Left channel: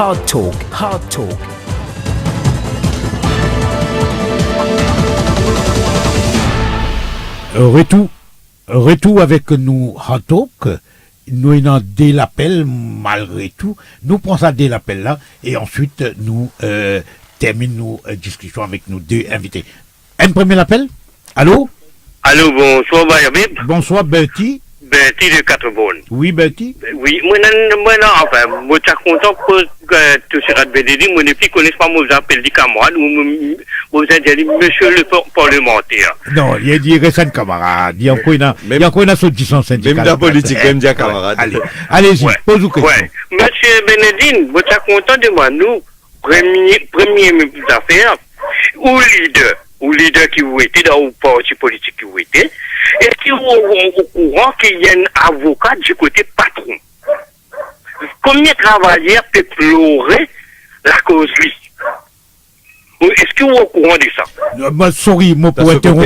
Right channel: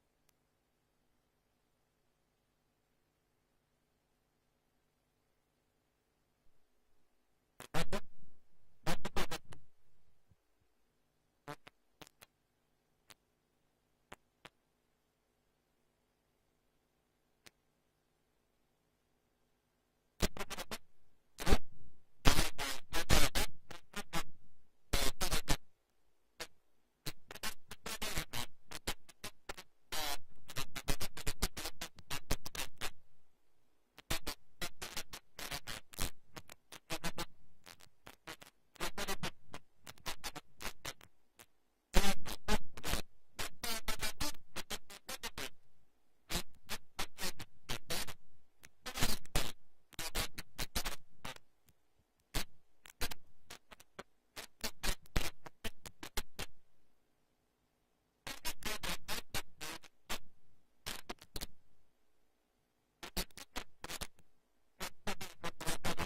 Hard Talk, Hard Talk. Retour avec nous Hard Talk. Nous avons des l'appel malgré tout. Nous prenons ça dès l'appel là et ensuite nous terminons nos discussions avec nos deux invités. Un premier appel. Allô? Allô, bonsoir, Bayabib. Bonsoir, Bertie. Bertie de 4 bonnes. Oui, Bertie. Oui, moi, enfin, moi, je suis content pour que tout ce que je dis, moi, ne connais pas, moi, j'appelle des camarades, ou vous avez dit, monsieur le parlementaire. Non, il y a dit récent camarade. Il y a encore une association syndicale. Même la politique, même des camarades. Allez-y, pose-vous question. Ouais. Monsieur Benedine, vous êtes content de moi, nous, premier affaire, ou leader qui vous était dans le parti politique qui vous était, est-ce que vous êtes au courant qu'il y a un avocat du côté patron? Combien de travailleurs peuvent pleurer la cause lui? Est-ce que vous êtes au courant de ça? Sorry, moi pour interrompre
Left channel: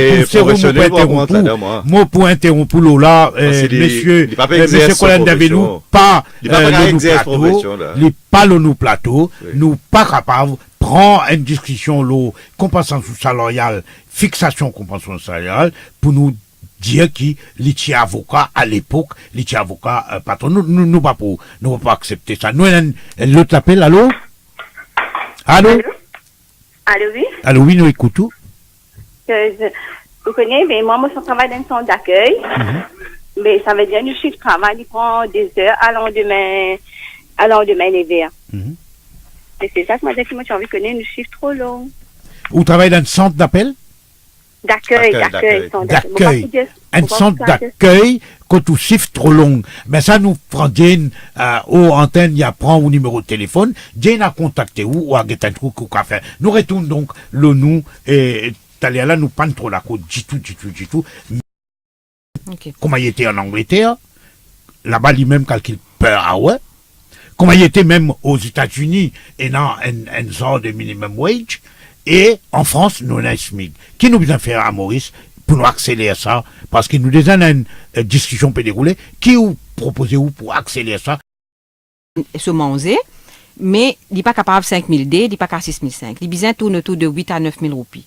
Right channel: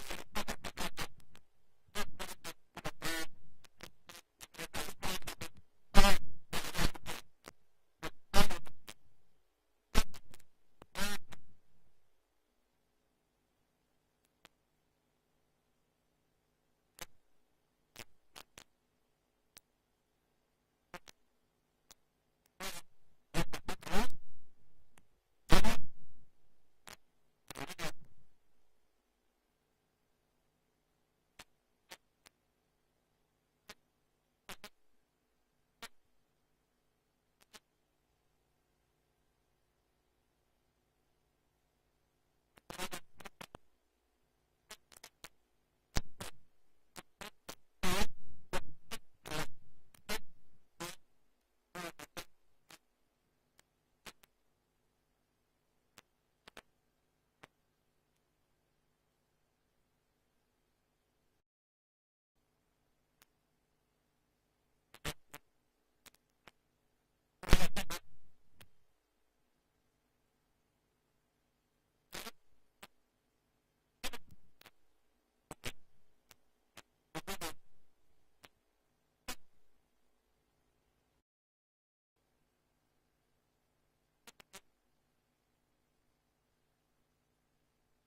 là, monsieur Colin Davelou, pas le plateau, nous pas capable prend une discussion compensation salariale, fixation compensation salariale pour nous dire qui les avocats à l'époque, les avocats patron, nous pas accepter ça. Nous l'autre appel, allô? Allô, oui? Allô, oui, nous écoutons. Vous connaissez, mais moi, je travaille dans un centre d'accueil. Mais ça veut dire que le chiffre de travail, il prend des heures à lendemain les verts. Et c'est ça que moi, j'ai envie de connaître, le chiffre trop long. Vous travaillez dans un centre d'appel? D'accueil. Un centre d'accueil quand tout chiffre trop long. Mais ça nous prend Jane aux antennes, il y a prend au numéro de téléphone. Jane a contacté ou a un truc ou fait. Nous retournons donc le nous et là nous pas trop la côte du tout. Okay. Comment il était en Angleterre, là-bas il même calcule peur à ouais. Comment il était même aux États-Unis et dans un genre de minimum wage. Et en France, nous avons un SMIC. Qui nous besoin faire à Maurice pour nous accélérer ça? Parce que nous déjà une discussion peut dérouler. Qui vous proposez pour accélérer ça? Se manger, mais il n'est pas capable de 5 000 D, il n'est pas capable de 6 500. Il besoin tourne autour de 8 à 9 000 roupies.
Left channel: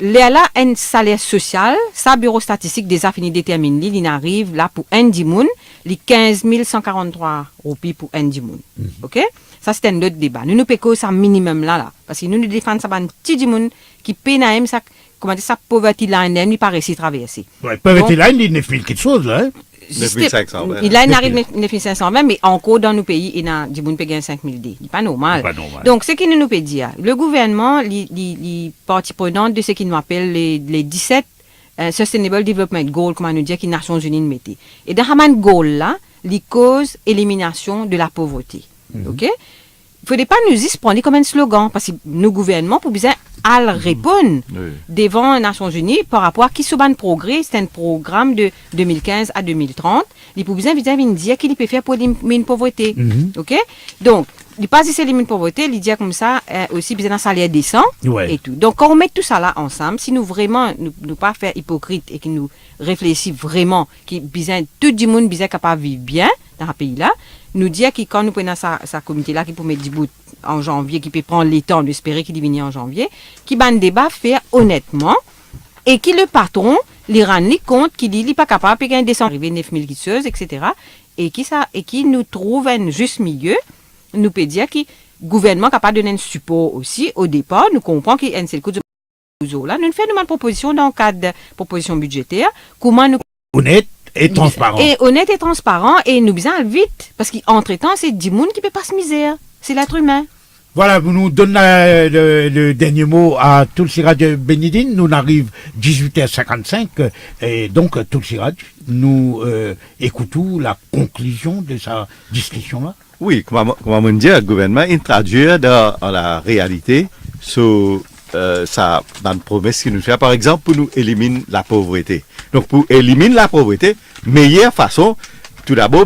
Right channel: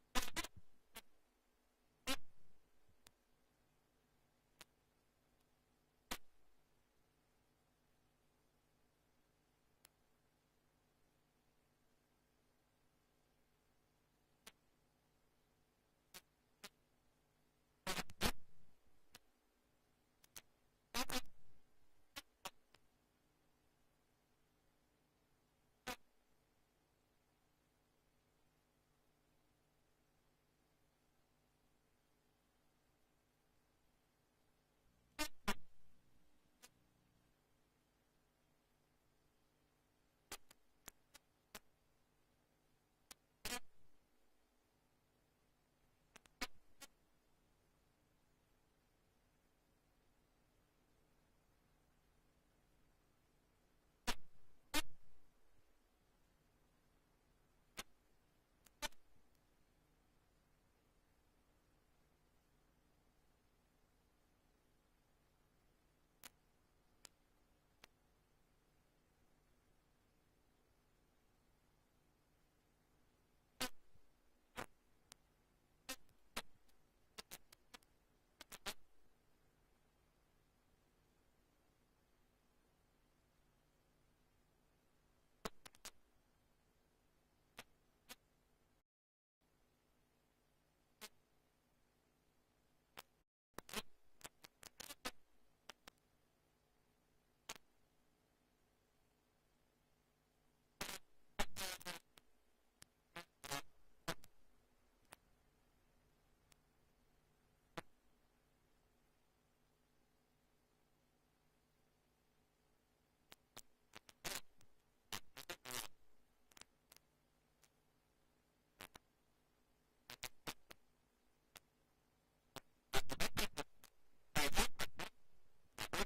Là, un salaire social, ça, bureau statistique des affinis détermine, il arrive là pour un dimoun, les 15 143 roupies pour un dimoun. OK? Ça, c'est un autre débat. Nous payons ça minimum là. Parce que nous défendons ça un petit dimoun qui paye ça, comment dire, ça, pauvreté line, il pas réussi à traverser. Ouais, pauvreté line, il y a quelque chose, là. 9500. Il arrive 9520, mais encore dans nos pays, il y a des gens qui payent 5000 D. C'est pas normal. Donc, ce qui nous peut dire, le gouvernement, les parties prenantes de ce qu'il nous appelle les 17 Sustainable Development Goals, comment nous dire, que les Nations Unies mettent. Et dans ce goal-là, les causes élimination de la pauvreté. OK? Il ne faudrait pas nous y prendre comme un slogan, parce que nos gouvernements, pour bien répondre devant les Nations Unies par rapport à qui se ban progrès, c'est un programme de 2015 à 2030. Il faut bien dire qu'il peut faire pour éliminer la pauvreté. OK? Donc, il ne pas si c'est éliminer la pauvreté, il dit comme ça, aussi besoin d'un salaire décent et tout. Donc, quand on met tout ça là ensemble, si nous vraiment, nous pas faire hypocrite et que nous réfléchissons vraiment, que tout le monde est capable de vivre bien dans ce pays-là, nous dire que quand nous prenons sa comité-là qui peut mettre du bout en janvier, qui peut prendre les temps d'espérer qu'il vienne en janvier, qui va un débat faire honnêtement et qui le patron, les rend compte qu'il n'est pas capable de payer un descend arrivé 9000 guisseuses, etc. Et qui nous trouve un juste milieu, nous peut dire que le gouvernement est capable de donner un support aussi au départ, nous comprenons qu'il y a un seul coup de là, nous faisons une proposition dans le cadre de proposition budgétaire, comment nous... Honnête et transparent. Et honnête et transparent, et nous besoin vite, parce qu'entre-temps, c'est 10 personnes qui ne peuvent pas se misère. C'est l'être humain. Voilà, vous nous donnez le dernier mot à Tulsiraj Benedine. Nous arrivons 18h55 et donc Tulsiraj, nous écoutons la conclusion de sa discussion-là. Oui, comment on dit, le gouvernement il traduit dans la réalité sur ça dans une promesse qu'il nous fait, par exemple, pour nous éliminer la pauvreté. Donc, pour éliminer la pauvreté, meilleure façon, tout d'abord,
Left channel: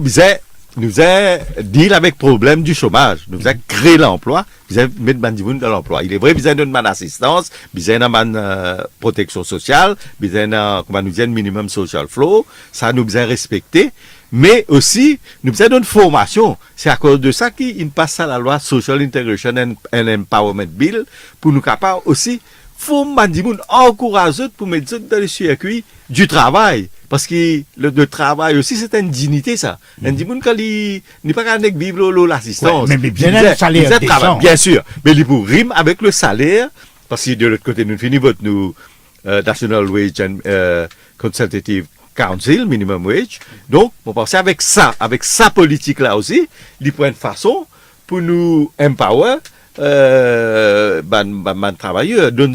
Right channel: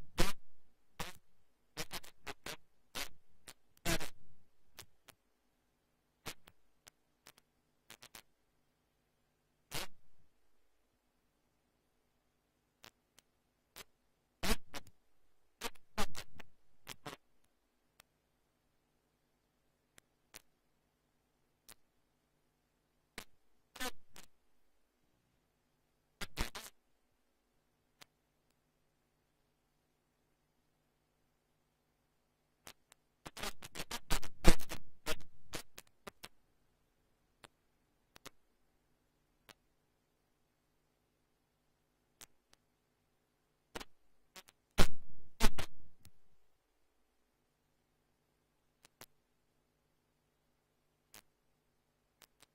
nous a deal avec le problème du chômage, nous a créé l'emploi, nous a mettre Bandimoun dans l'emploi. Il est vrai, nous a donné une assistance, nous a une protection sociale, nous a comment nous dit, un minimum social flow, ça nous a respecté, Mais aussi, nous faisons une formation. C'est à cause de ça qu'il passe à la loi Social Integration and Empowerment Bill pour nous capables aussi encourager pour mettre dans le circuit du travail. Parce que le travail aussi, c'est une dignité, ça. Un dimanche, quand il n'est pas qu'à vivre l'assistance. Mais bien le salaire décent. Bien sûr. Mais il faut rime avec le salaire. Parce que de l'autre côté, nous finissons votre National Wage and Consultative Council, Minimum Wage. Donc, on pense avec ça politique-là aussi, il prend une façon pour nous empower travailleurs, donne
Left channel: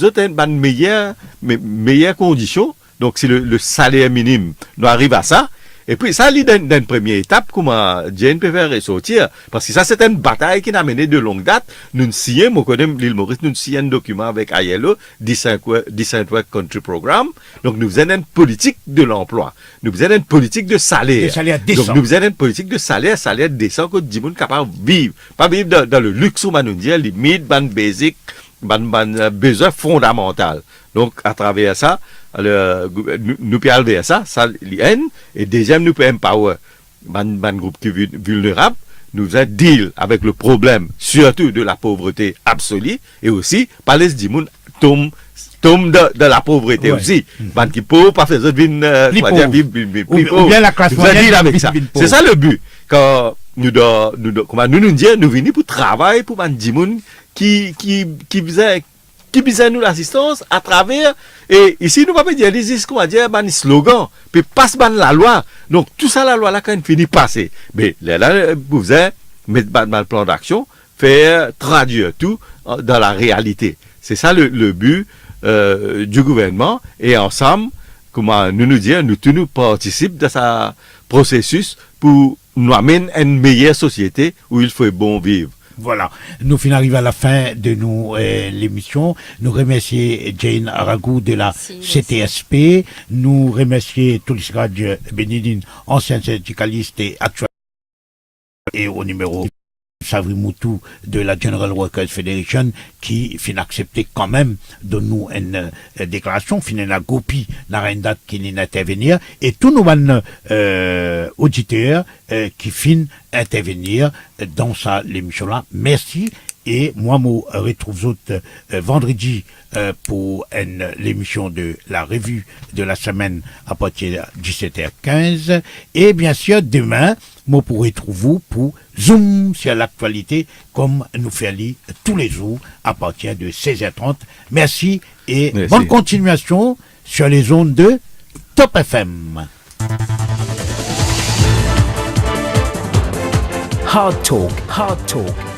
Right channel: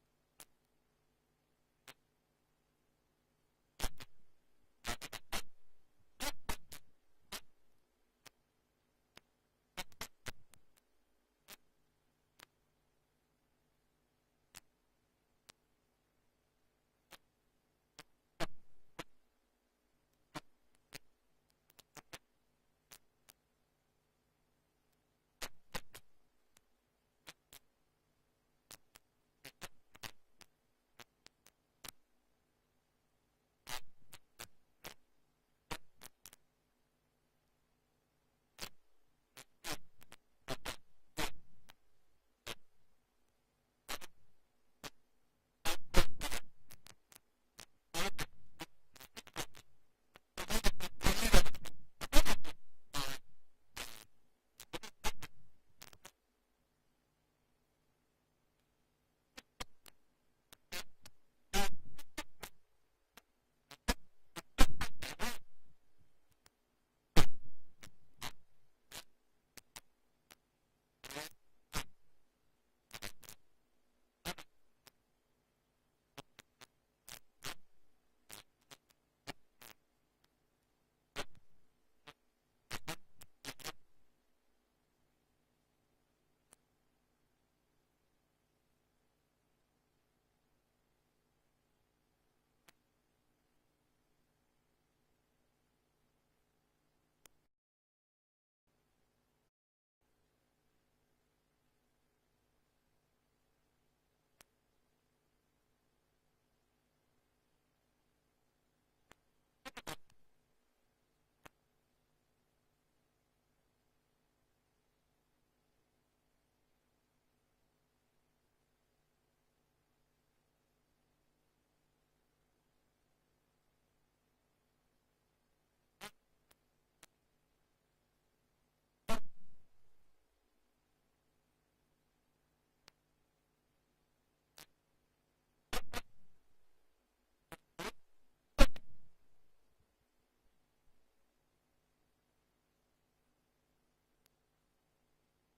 meilleures conditions. Donc, si le salaire minimum nous arrive à ça, et puis ça, c'est une première étape, comment Jane peut faire ressortir. Parce que ça, c'est une bataille qui n'a mené de longue date. Nous signons, moi, connais l'île Maurice, nous signons un document avec ILO, Decent Work Country Program. Donc, nous faisons une politique de l'emploi. Nous faisons une politique de salaire. Donc, nous faisons une politique de salaire décent que les gens sont capables de vivre. Pas vivre dans le luxe, on nous dit, limite, basic, besoin fondamental. Donc, à travers ça, nous pouvons aller vers ça, et deuxième, nous pouvons empower un groupe qui est vulnérable, nous allons deal avec le problème, surtout de la pauvreté absolue, et aussi, par les gens tombe de la pauvreté aussi. Man qui pauvre, pas faire autres ou bien la classe moyenne avec ça. C'est ça le but. Quand nous disons, nous venons pour travailler pour des gens qui besoin nous l'assistance à travers, et ici nous ne pouvons pas dire un slogan, puis passe la loi. Donc tout ça, la loi là, quand elle finit passer, mais là, vous avez mettre le plan d'action, faire traduire tout dans la réalité. C'est ça le but du gouvernement, et ensemble, comment nous disons, nous tous nous participons de ce processus pour nous amener à une meilleure société où il faut bon vivre. Voilà, nous finissons arriver à la fin de l'émission. Nous remercions Jane Aragou de la CTSP. Nous remercions Toulis Radj Benidine, ancien syndicaliste et actuel et au numéro Savri Moutou de la General Workers Federation qui finit accepter quand même de nous une déclaration, finit la gopi n'a une date qui n'est intervenir et tous nos auditeurs qui finissent intervenir dans l'émission là. Merci et moi je retrouve vendredi pour l'émission de la revue de la semaine à partir de 17h15 et bien sûr demain moi pourrai trouver vous pour Zoom sur l'actualité comme nous faisons tous les jours à partir de 16h30. Merci et bonne continuation sur les ondes de Top FM. Hard Talk